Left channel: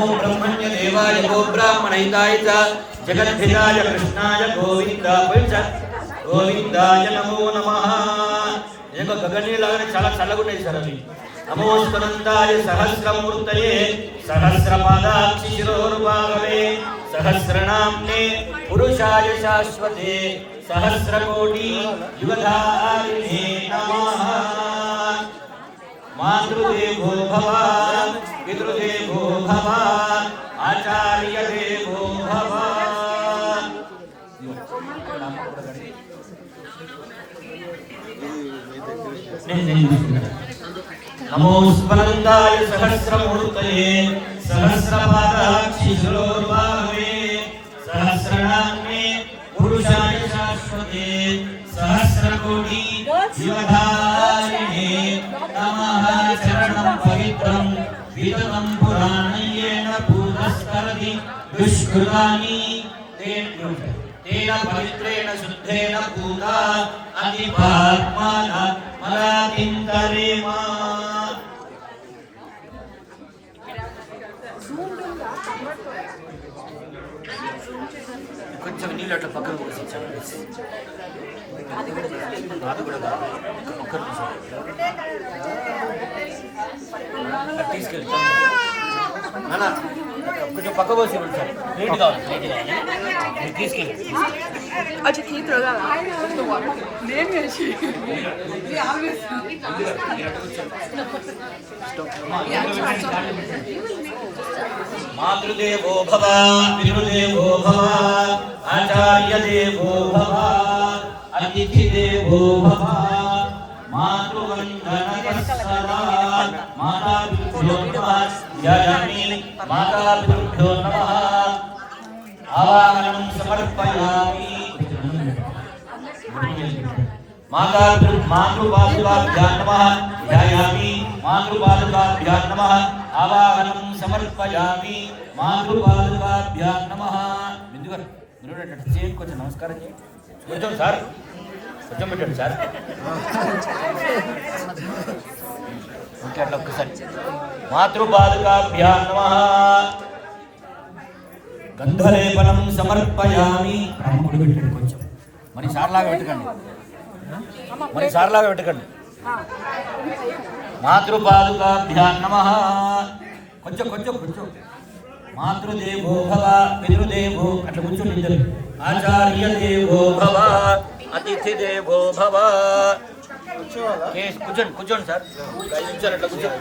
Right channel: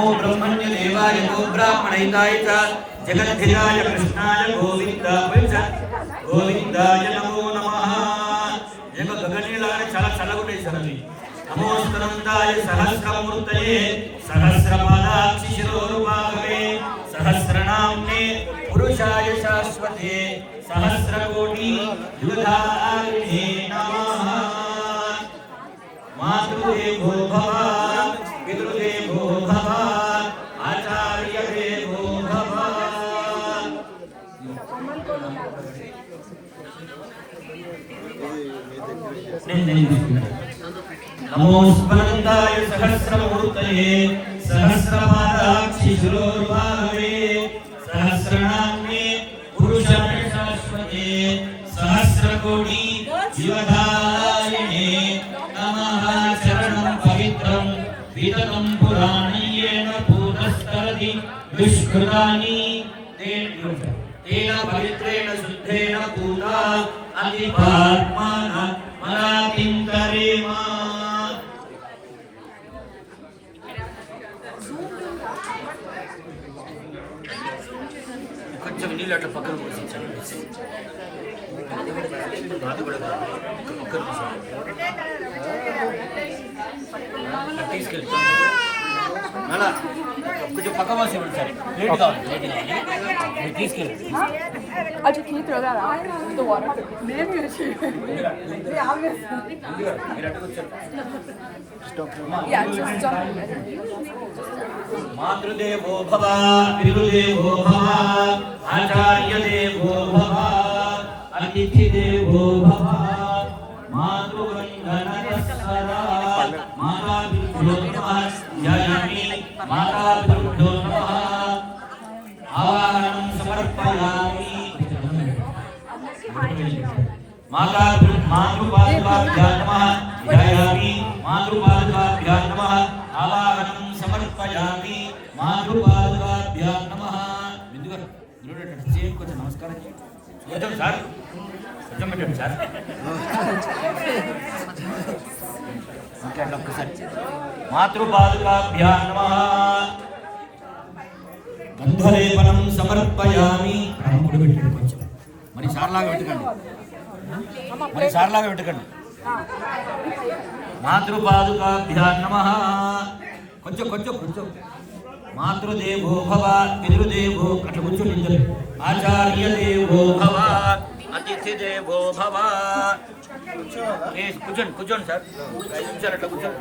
नमो ब्रह्मण्य देवाय गो ब्राह्मणहिताय च जगद्धिराय कृष्णाय गोविंदाय नमो नमः जग गगनेलाने చాలా చల్లగా ఉంటాయి సార్ అవి नमो स्मरन्ताय सहस्रमूर्तये सहस्रपादाक्षि शिरोरुबाहवे सहस्रनाम्ने पुरुषाय शाश्वते सहस्रकोटि युगधारिणे नमः मातृदेवो भव पितृदेवो भव आचार्यदेवो भव नमो स्मरन्ताय सहस्रमूर्तये सहस्रपादाक्षि शिरोरुबाहवे सहस्रनाम्ने पुरुषाय शाश्वते सहस्रकोटि युगधारिणे नमः शरणं पवित्रं विदतं पुराणय्येन पूतस्तरति दुष्कृतानि तेन पवित्रेण शुद्धेन पूता अधिपात्मान मनातिन्तरेम కొంచెం నీళ్ళు అట్లా పక్కన పోసి కొంచెం పక్క పోసి ఇవ్వండి సార్ ప్లేట్ కావాలి మీరు తీసుకెళ్ళి अच्छा ठीक रहा नेम है ये आगे मातृदेवो भव पितृदेवो भव आचार्यदेवो भव अतिथिदेवो भव मातृवन्दनतः सदा माताभ्यो नमः जयामि माताभ्यो नमः आवाहनं समर्पयामि मातृपादुकाभ्यां नमः जयामि मातृपादुकाभ्यां नमः आवाहनं समर्पयामि मातृपादुकाभ्यां नमः बिंदुगाరు మీరు చేయండి కొంచెం నమస్కారం చేయండి కొంచెం సార్ కొంచెం పెట్టండి సార్ ఓకే అట్లా ఒక్కసారి మాతృపాదుకాభ్యాం నమః గంధలేపనం సమర్పయామి రాముడు పెట్టండి కొంచెం మరి సార్లాగా పెట్టకండి మాతృపాదుకాభ్యాం నమః కొంచెం మాతృదేవో భవ పితృదేవో అట్లా కూర్చోండి ఆచార్యదేవో భవ అతిథిదేవో భవ కూర్చోండి సార్ 5 నిమిషాలు అట్లా కూర్చోండి